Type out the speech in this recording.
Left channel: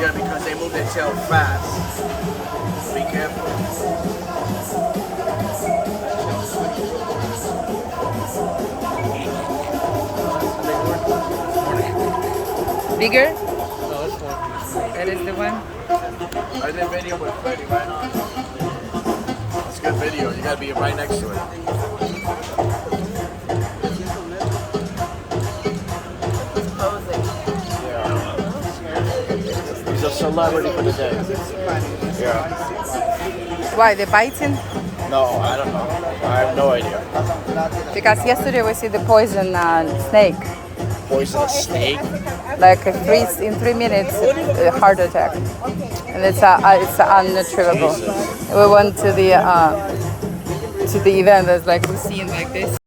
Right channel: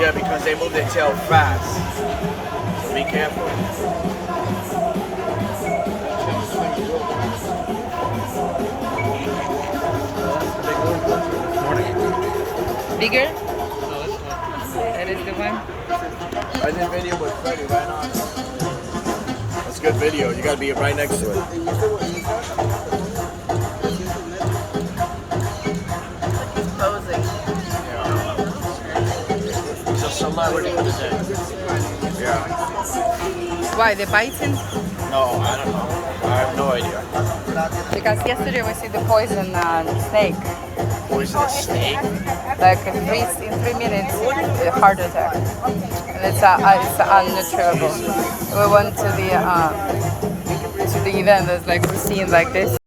Yeah, because they move their tail fast. Be careful. Bigger? No, this one. That is the one. I did video with Freddie right now. That's good video. You gotta be right next to it. He's a celebrity for the day. Yeah. Why, they're biting? No, I don't know. I have no idea. Because yesterday we see the poison snake. Poisonous snake? Like in 3 minutes, a heart attack. And it's unnatural. We went to the event. It's like we're seeing like this.